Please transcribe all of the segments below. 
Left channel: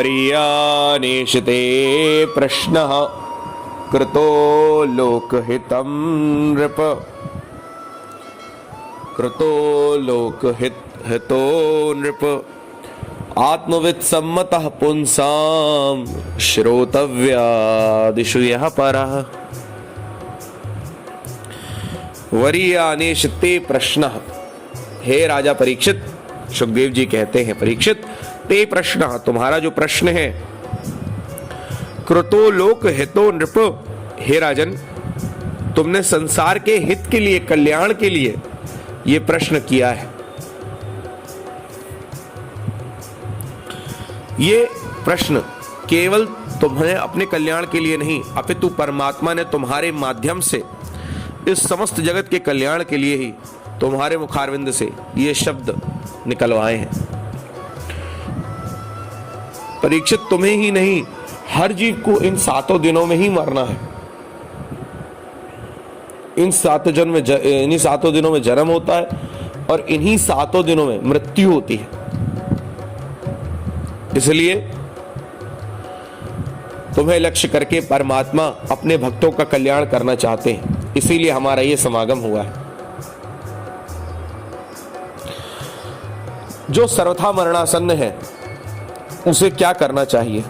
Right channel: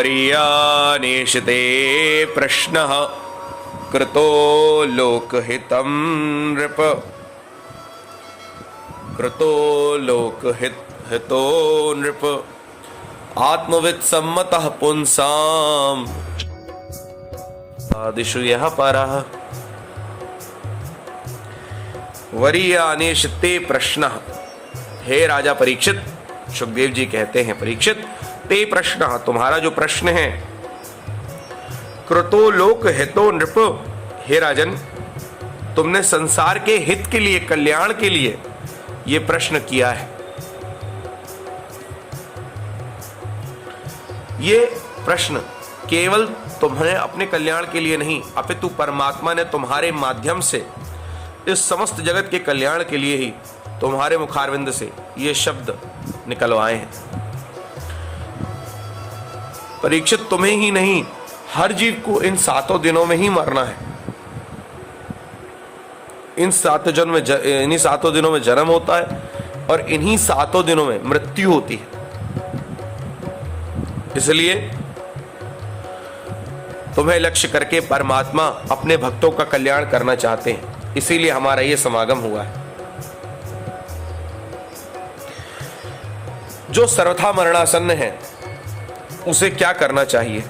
वरीयानेशते प्रश्नः कृतो लोकहितं नृप। कृतो लोकहितो नृप। आत्मवित् सम्मतः पुंसां श्रोतव्यादिषु यः परः। वरीयानेशते प्रश्नः। हे राजा परीक्षित, सुखदेव जी कहते हैं परीक्षित, ते प्रश्नः, तुम्हारा जो प्रश्न है, कृतो लोक हितो नृप, हे राजन, तुमने संसार के हित के लिए, कल्याण के लिए ये प्रश्न किया है। ये प्रश्न केवल तुम्हें अपने कल्याण के लिए नहीं, अपितु परमात्मा ने तुम्हारे माध्यम से इस समस्त जगत के कल्याण के लिए ही तुम्हारे मुखारविंद से ये शब्द निकलवाए हैं। परीक्षित, तुम्हें ही नहीं, हर जीव को इन 7 दिनों में ही मरना है। इन्हीं 7 दिनों में जन्म होता है और इन्हीं 7 दिनों में मृत्यु होती है। इसलिए तुम्हें लक्ष्य करके परमात्मा अपने भक्तों का कल्याण करना चाहते हैं, इसीलिए हमारा ये समागम हुआ है। जो सर्वथा मरणासन्न है उसे क्या करना चाहिए,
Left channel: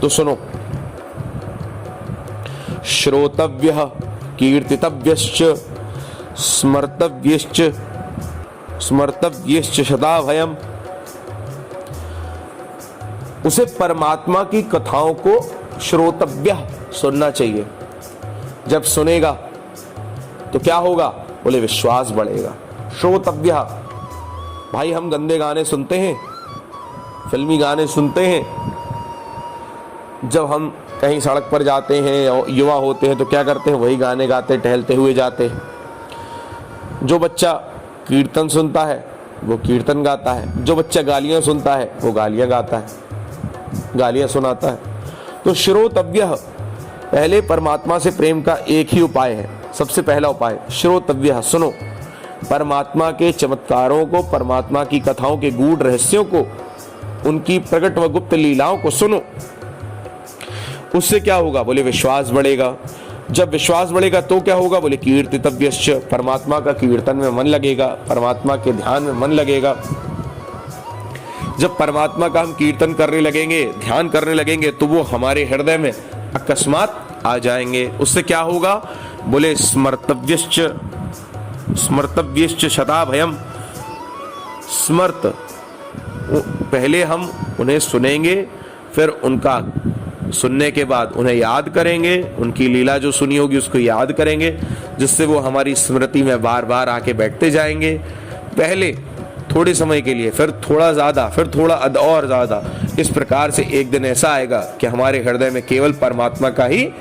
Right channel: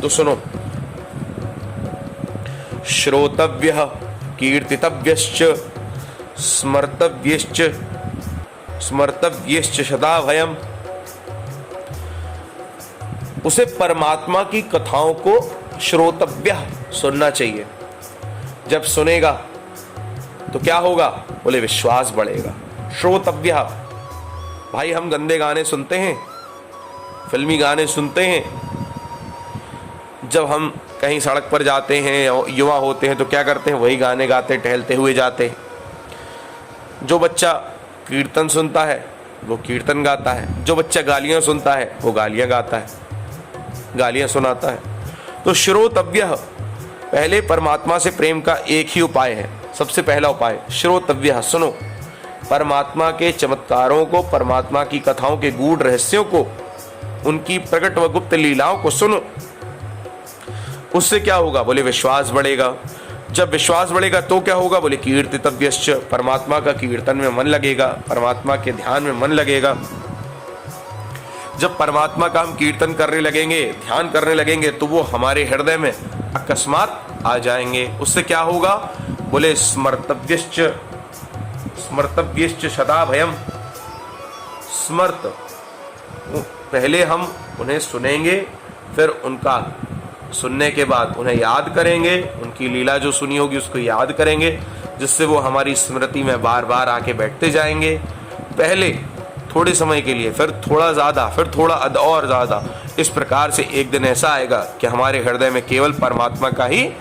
तो सुनो। श्रोतव्यः कीर्तितव्यश्च स्मर्तव्यश्च सदा भयम्। उसे परमात्मा की कथाओं को श्रोतव्य सुनना चाहिए। जब सुनेगा तो क्या होगा, बोले विश्वास बढ़ेगा। श्रोतव्य, भाई हम गंदे गाने सुनते हैं, फिल्मी गाने सुनते हैं। जब हम कहीं सड़क पर जाते हैं, युवा होते हैं, तो क्या करते हैं, वही गाने गाते टहलते हुए जाते हैं। जो बच्चा कीर्तन सुनता है वो कीर्तन गाता है, जो बच्चा गालियां सुनता है वो गालियां गाता है, गालियां सुनाता है। तो श्रोतव्य, पहले परमात्मा से प्रेम का एक ही उपाय है, सबसे पहला उपाय श्रोतव्य, सुनो। परमात्मा के चमत्कारों को, परमात्मा की कथाओं के गूढ़ रहस्यों को, उनकी प्रकट व गुप्त लीलाओं को सुनो। उससे क्या होगा, बोले विश्वास बढ़ेगा। जब विश्वास बढ़ेगा तो क्या होगा, बोले कीर्तितव्यश्च, परमात्मा का कीर्तन में मन लगेगा, परमात्मा के ध्यान में मन लगेगा। जब परमात्मा का हम कीर्तन करने लगेंगे, ध्यान करने लगेंगे, तो वो हमारे हृदय में अकस्मात आ जाएंगे। उससे क्या होगा, बोले स्मर्तव्यश्च सदा भयम्। स्मर्त, पहले हम उन्हें सुनेंगे, फिर उनका सुनने के बाद उन्हें याद करेंगे, उनकी लीला जो सुनी होगी उसको याद करेंगे, जिससे वो हमारी स्मृति में बार बार आके बैठते जाएंगे। पहले थोड़े समय के लिए, फिर थोड़ा ज्यादा, फिर थोड़ा और ज्यादा। इस प्रकार से एक दिन ऐसा आएगा कि हमारे हृदय में केवल परमात्मा का ही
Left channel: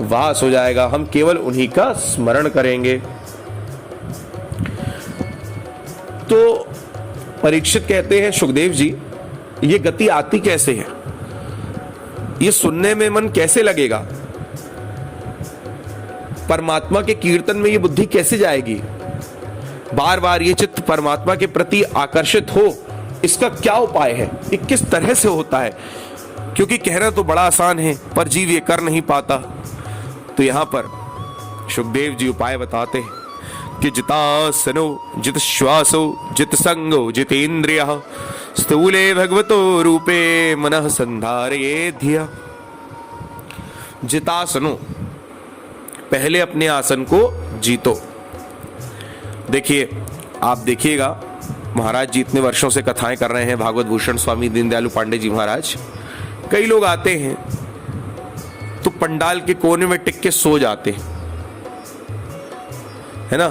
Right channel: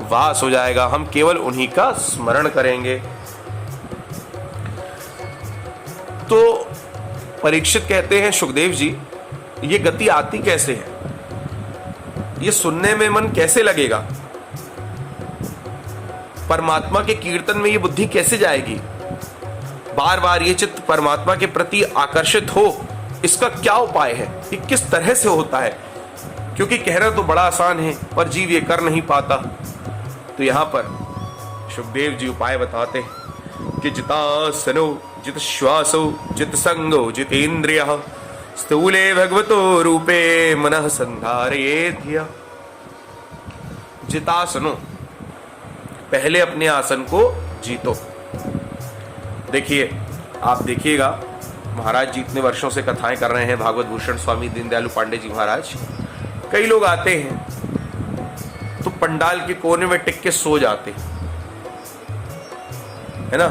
वास हो जाएगा, हम केवल उन्हीं का स्मरण करेंगे। तो परीक्षित कहते हैं, सुखदेव जी, ये गति आती कैसे है, ये सुनने में मन कैसे लगेगा, परमात्मा के कीर्तन में ये बुद्धि कैसे जाएगी, बार बार ये चित्त परमात्मा के प्रति आकर्षित हो, इसका क्या उपाय है, ये किस तरह से होता है। क्योंकि कहना तो बड़ा आसान है पर जीव ये कर नहीं पाता। तो यहां पर सुखदेव जी उपाय बताते हैं कि जितासनो जित श्वासो जित संगो जितेन्द्रियः स्थूले भगवतो रूपे मनः संधारयेद्य। जितासनो, पहले अपने आसन को जीतो। देखिए, आप देखिएगा, महाराज जी इतने वर्षों से कथाएं कर रहे हैं, भागवत भूषण स्वामी दीनदयालु पांडे जी महाराज। कई लोग आते हैं तो पंडाल के कोने में टिक के सो जाते हैं, है ना,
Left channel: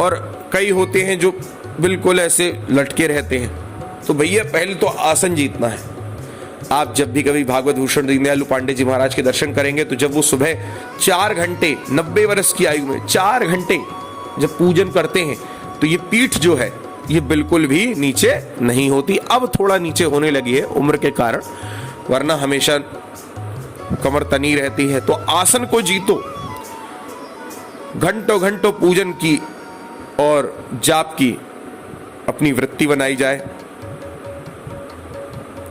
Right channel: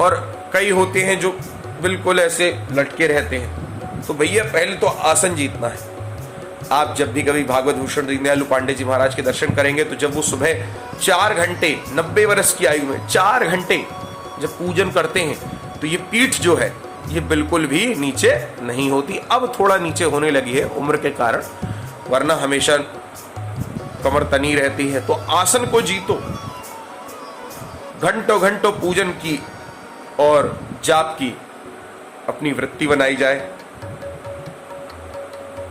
और कई होते हैं जो बिल्कुल ऐसे लटके रहते हैं। तो भैया पहले तो आसन जीतना है। आप जब भी कभी भागवत भूषण दीनदयालु पांडे जी महाराज के दर्शन करेंगे तो जब वो सुबह 4 घंटे 90 वर्ष की आयु में 4 घंटे जब पूजन करते हैं तो ये पीठ जो है ये बिल्कुल भी नीचे नहीं होती। अब थोड़ा नीचे होने लगी है उम्र के कारण, वरना हमेशा कमर तनी रहती है। तो आसन को जीतो, घंटों घंटों पूजन की और जाप की अपनी वृत्ति बनाई जाए।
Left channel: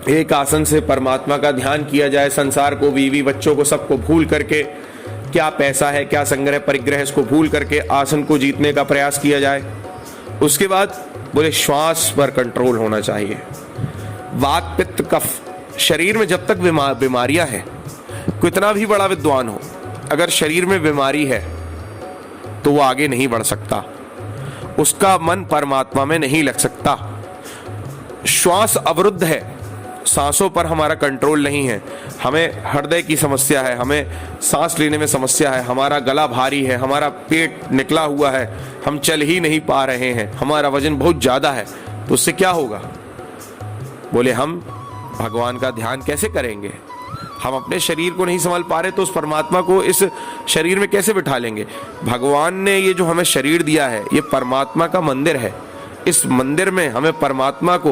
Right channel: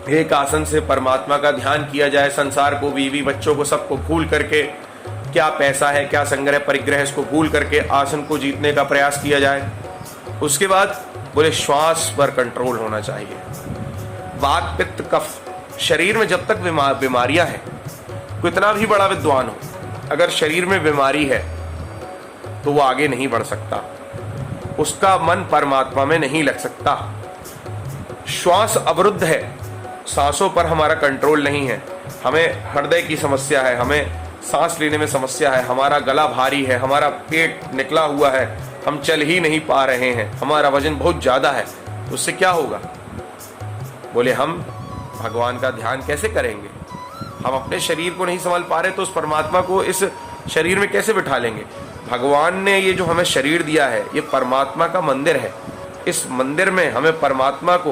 एक आसन से परमात्मा का ध्यान किया जाए, संसार को, बीवी बच्चों को, सबको भूल करके, क्या पैसा है क्या संग्रह परिग्रह, इसको भूल करके आसन को जीतने का प्रयास किया जाए। उसके बाद बोले श्वास पर कंट्रोल होना चाहिए। वात पित्त कफ, शरीर में जब तक बीमारियां हैं, कितना भी बड़ा विद्वान हो, अगर शरीर में बीमारी है तो वो आगे नहीं बढ़ सकता, उसका मन परमात्मा में नहीं लग सकता। श्वास अवरुद्ध है, सांसों पर हमारा कंट्रोल नहीं है, हमें हृदय की समस्या है, हमें सांस लेने में समस्या है, हमारा गला भारी है, हमारा पेट निकला हुआ है, हम चल ही नहीं पा रहे हैं, हमारा वजन बहुत ज्यादा है, तो उससे क्या होगा? बोले हम भगवान का ध्यान कैसे करेंगे? हम अपने शरीर को नहीं संभाल पा रहे तो उस परमात्मा को इस शरीर में कैसे बिठा लेंगे? भगवान ने ये जो हमें शरीर दिया है, ये परमात्मा का मंदिर है। इस मंदिर में हमें परमात्मा को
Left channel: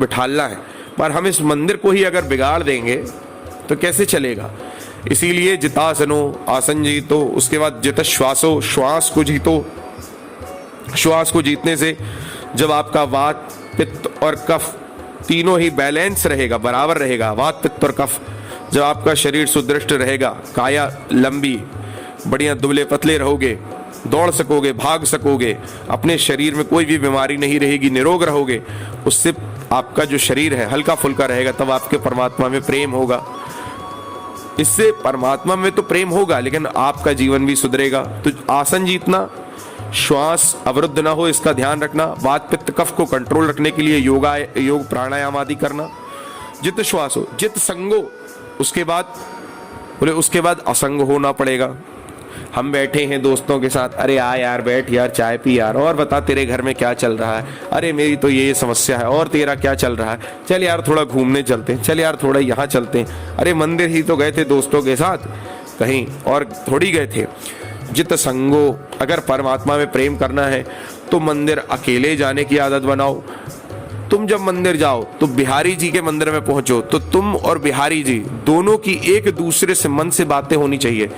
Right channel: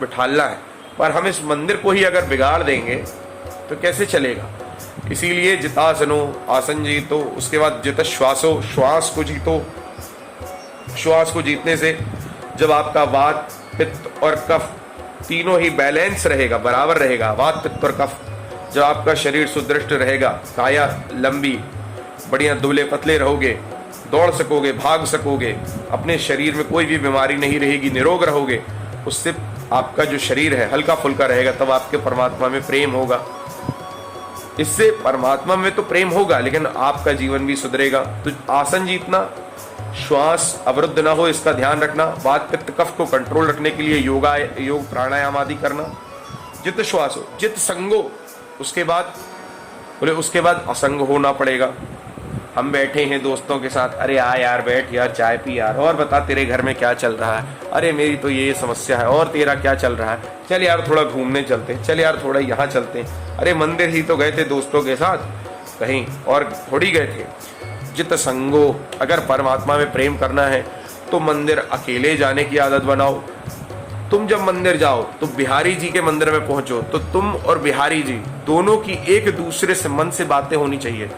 बिठालना है, पर हम इस मंदिर को ही अगर बिगाड़ देंगे तो कैसे चलेगा? इसीलिए जितासनो, आसन जीतो, उसके बाद जित श्वासो, श्वास को जीतो। श्वास को जीतने से जब आपका वात पित्त और कफ तीनों ही बैलेंस रहेगा, बराबर रहेगा, वात पित्त और कफ, जब आपका शरीर सुदृढ़ रहेगा, काया लंबी, बढ़िया दुबले पतले रहोगे, दौड़ सकोगे, भाग सकोगे, अपने शरीर में कोई भी बीमारी नहीं रहेगी, निरोग रहोगे, उससे आपका जो शरीर है हल्का फुल्का रहेगा, तब आपके परमात्मा में प्रेम होगा। इससे परमात्मा में तो प्रेम होगा, लेकिन आपका जीवन भी सुधरेगा। तो आसन जीतना, श्वास अवरुद्ध ना हो, इसका ध्यान रखना, वात पित्त कफ को कंट्रोल रखने के लिए योग प्राणायाम आदि करना। जित श्वासो, जित संगो, उसके बाद बोले उसके बाद असंग होना पड़ेगा। हम बैठे हैं दोस्तों के साथ, अरे आ यार बैठ यार, चाय पी यार, और बता तेरे घर में क्या चल रहा है, अरे मेरी तो ये समस्या है, और तेरा क्या चल रहा है, चल यार थोड़ा घूमने चलते हैं, चल यार थोड़ा यहाँ चलते हैं, अरे मंदिर ही तो गए थे दोस्तों के साथ, कहीं और थोड़ी गए थे। जित संगो, अगर परमात्मा में प्रेम करना है तो मंदिर अकेले जाने की आदत बनाओ। तुम जब मंदिर जाओ तो बिहारी जी के मंदिर में पहुंचो तो तुम और बिहारी जी दोनों की एक दूसरे से मन से बातें होनी चाहिए।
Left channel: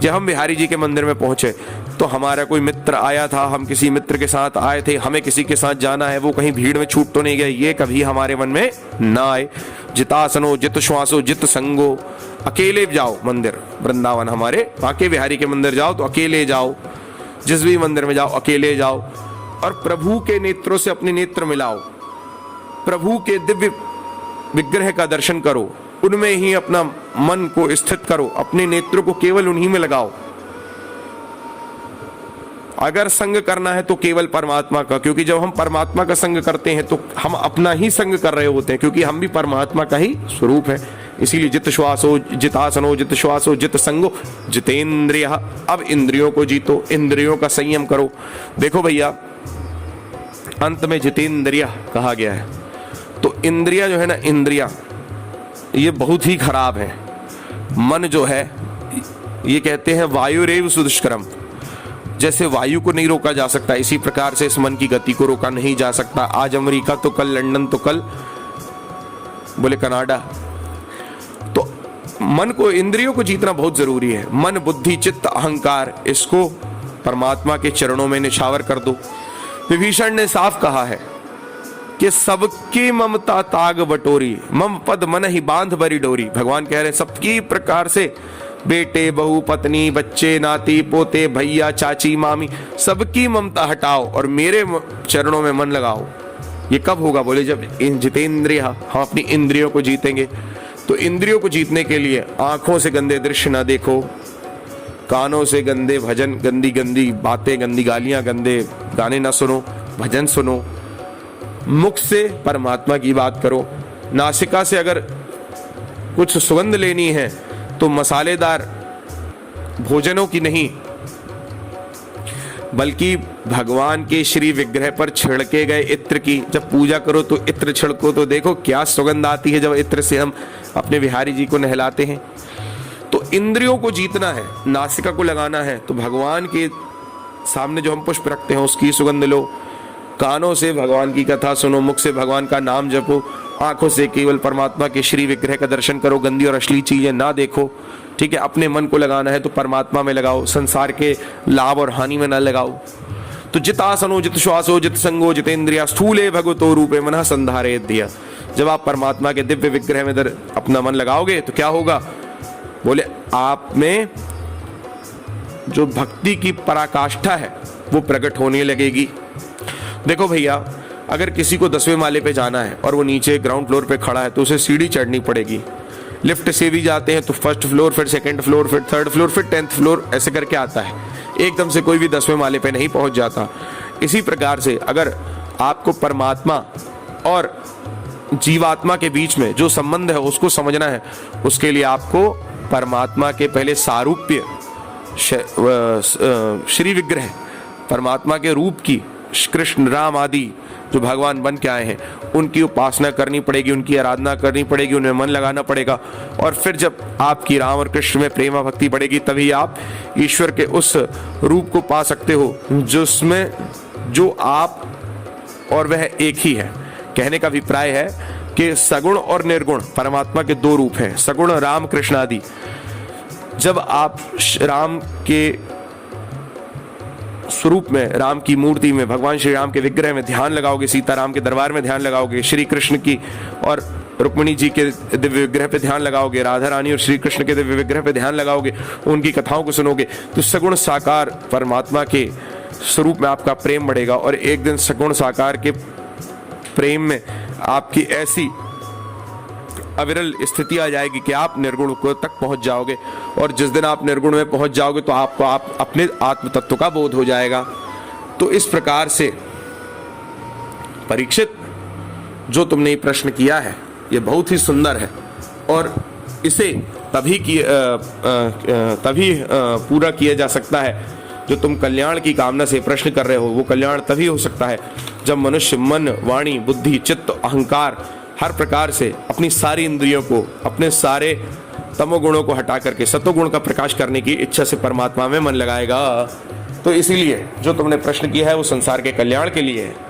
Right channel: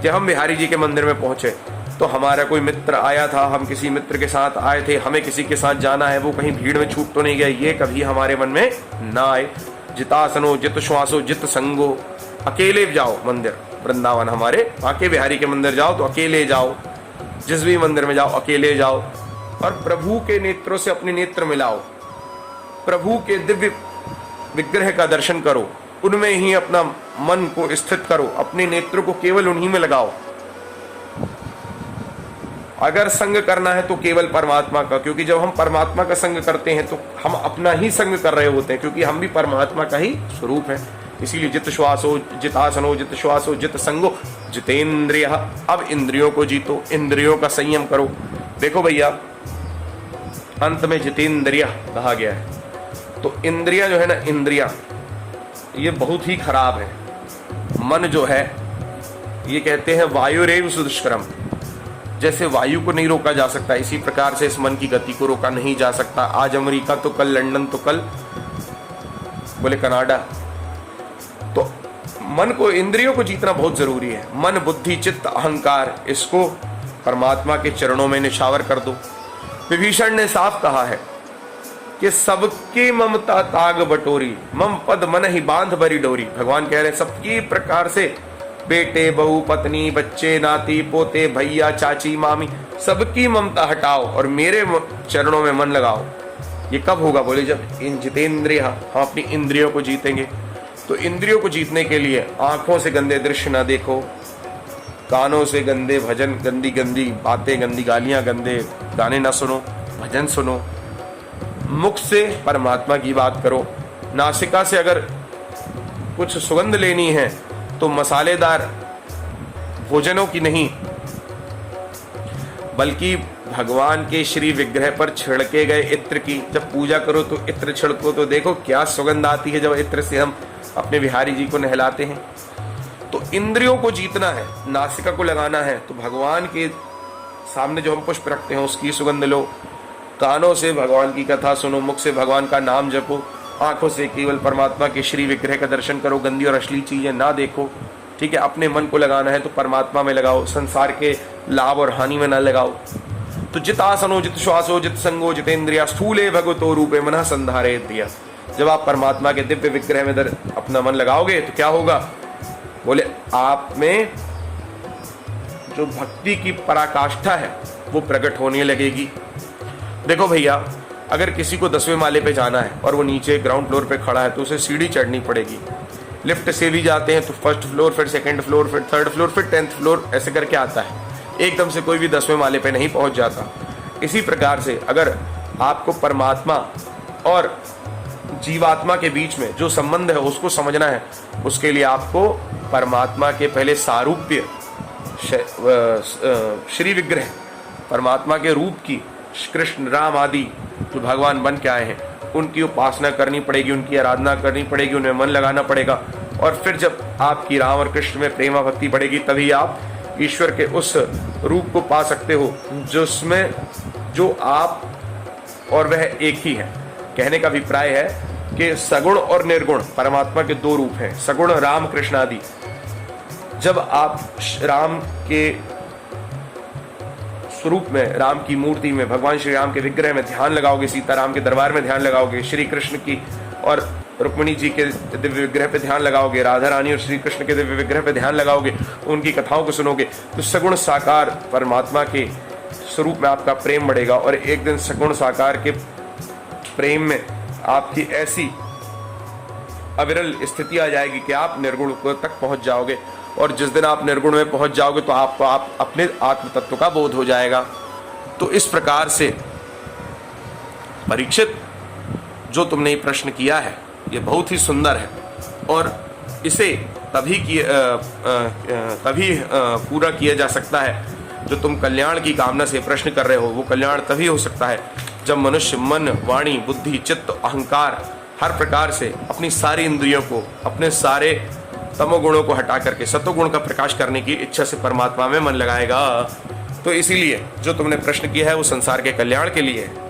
जब हम बिहारी जी के मंदिर में पहुंचे तो हमारा कोई मित्र आया था, हम किसी मित्र के साथ आए थे, हमें किसी के साथ जाना है, वो कहीं भीड़ में छूट तो नहीं गया, ये कभी हमारे मन में ना आए। जितासनो, जित श्वासो, जित संगो, अकेले जाओ मंदिर, वृंदावन हमारे बाके बिहारी के मंदिर जाओ तो अकेले जाओ, जिस भी मंदिर में जाओ अकेले जाओ, और प्रभु के नेत्रों से अपने नेत्र मिलाओ, प्रभु के दिव्य विग्रह का दर्शन करो, उनमें ही अपना मन को स्थित करो, अपने नेत्र को केवल उन्हीं में लगाओ। अगर संग करना है तो केवल परमात्मा का, क्योंकि जब हम परमात्मा का संग करते हैं तो हम अपना ही संग कर रहे होते हैं, क्योंकि हम भी परमात्मा का ही स्वरूप है। इसीलिए जित श्वासो, जितासनो, जित श्वासो, जित संगो, जितेंद्रिय। अब इंद्रियों को जीतो, इंद्रियों का संयम करो। देखो भैया, अंत में जितेंद्रिय कहा गया है, तो इंद्रिया जो है ना, इंद्रिया ये बहुत ही खराब है। मन जो है, ये कहते हैं वायुरेव सुदुष्करम, जैसे वायु को नहीं रोका जा सकता, इसी प्रकार से इस मन की गति को रोका नहीं जा सकता। आज अमेरिका तो कल लंदन, तो कल बोले कनाडा। तो मन को, इंद्रियों को जीतना बहुत जरूरी है। मन, बुद्धि, चित्त, अहंकार, इसको परमात्मा के चरणों में निछावर कर दो। विभीषण ने साफ कहा है कि सबकी ममता ताग बटोरी, मम पद मन ही बांध बरी डोरी। भगवान कह रहे हैं सबकी प्रकार से, बेटे, बहू, पत्नी, बच्चे, नाती, पोते, भैया, चाची, मामी, सबकी ममता हटाओ और मेरे चरणों में मन लगाओ। ये कब होगा? बोले जब इन जितेंद्रिय, हम अपनी इंद्रियों को जीतेंगे। तो इंद्रियों को जीतने के लिए आंखों से गंदे दृश्य ना देखो, कानों से गंदे भजन, गंदी गंदी बातें, गंदी गालियां, गंदे गाने ना सुनो, भजन सुनो। मुख से परमात्मा की बात करो। नासिका से अगर कुछ सुगंध लेनी है तो मसालेदार भोजनों की नहीं, बल्कि भगवान के श्री विग्रह पर छिड़के गए इत्र की। जब पूजा करो तो इत्र छिड़को, तो देखो क्या सुगंध आती है जब इत्र से हम अपने बिहारी जी को नहलाते हैं। तो इंद्रियों को जीतना है, नासिका को लगाना है, तो भगवान के सामने जो हम पुष्प रखते हैं उसकी सुगंध लो। कानों से भगवान की कथा सुनो, मुख से भगवान का नाम जपो, आंखों से केवल परमात्मा के श्री विग्रह का दर्शन करो, गंदी और अश्लील चीजें ना देखो। ठीक है, अपने मन को लगाना है तो परमात्मा में लगाओ, संसार के लाभ और हानि में ना लगाओ। तो जितासनो, जित श्वासो, जित संगो, जितेंद्रिया, स्थूले भगवतो रूपे मनः संधारे दिया। जब आप परमात्मा के दिव्य विग्रह में अपना मन लगाओगे तो क्या होगा? बोले आप में जो भक्ति की पराकाष्ठा है वो प्रकट होने लगेगी। देखो भैया, अगर किसी को 10वें माले पे जाना है और वो नीचे ग्राउंड फ्लोर पे खड़ा है तो उसे सीढ़ी चढ़नी पड़ेगी। लिफ्ट से भी जाते हैं तो फर्स्ट फ्लोर, फिर सेकंड फ्लोर, फिर थर्ड फ्लोर, फिर 10th फ्लोर, ऐसे करके आता है। एकदम से कोई भी 10वें माले पे नहीं पहुंच जाता। इसी प्रकार से अगर आपको परमात्मा और जीवात्मा के बीच में जो संबंध है उसको समझना है, उसके लिए आपको परमात्मा के पहले सारूप्य श्री विग्रह, परमात्मा के रूप की, कृष्ण राम आदि जो भगवान बन के आए हैं उनकी उपासना करनी पड़ेगी, उनकी आराधना करनी पड़ेगी, उनमें मन लगाना पड़ेगा। और फिर जब आपकी राम और कृष्ण में प्रेम भक्ति बढ़ेगी तभी आप ईश्वर के उस रूप को पा सकते हो जिसमें जो आप और वह एक ही है। कहने का अभिप्राय है कि सगुण और निर्गुण परमात्मा के दो रूप हैं, सगुण राम कृष्ण आदि। जब आप राम के स्वरूप में, राम की मूर्ति में, भगवान श्री राम के विग्रह में ध्यान लगाओगे, सीताराम के दरबार में ध्यान लगाओगे, श्री कृष्ण की और रुक्मिणी जी के दिव्य विग्रह पे ध्यान लगाओगे, राधा रानी और श्री कृष्ण के दिव्य विग्रह पे ध्यान लगाओगे, उनकी कथाओं को सुनोगे, तो सगुण साकार परमात्मा के स्वरूप में आपका प्रेम बढ़ेगा। और एक दिन सगुण साकार के प्रेम में आपकी ऐसी अविरल स्थिति आ जाएगी कि आप निर्गुण को तक पहुंच जाओगे। और जिस दिन आप निर्गुण में पहुंच जाओगे तो आपको आप अपने आत्म तत्व का बोध हो जाएगा। तो इस प्रकार से परीक्षित, जो तुमने ये प्रश्न किया है ये बहुत ही सुंदर है और इसे तभी पूरा किया जा सकता है जो तुम कल्याण की कामना से प्रश्न कर रहे हो। वो कल्याण तभी हो सकता है जब मनुष्य मन, वाणी, बुद्धि, चित्त, अहंकार हर प्रकार से अपनी सारी इंद्रियों को, अपने सारे तमोगुणों को हटा करके सतोगुण का प्रकाश करने की इच्छा से परमात्मा में मन लगाएगा। तो इसीलिए जो तुमने प्रश्न किया है वो संसार के कल्याण के लिए है।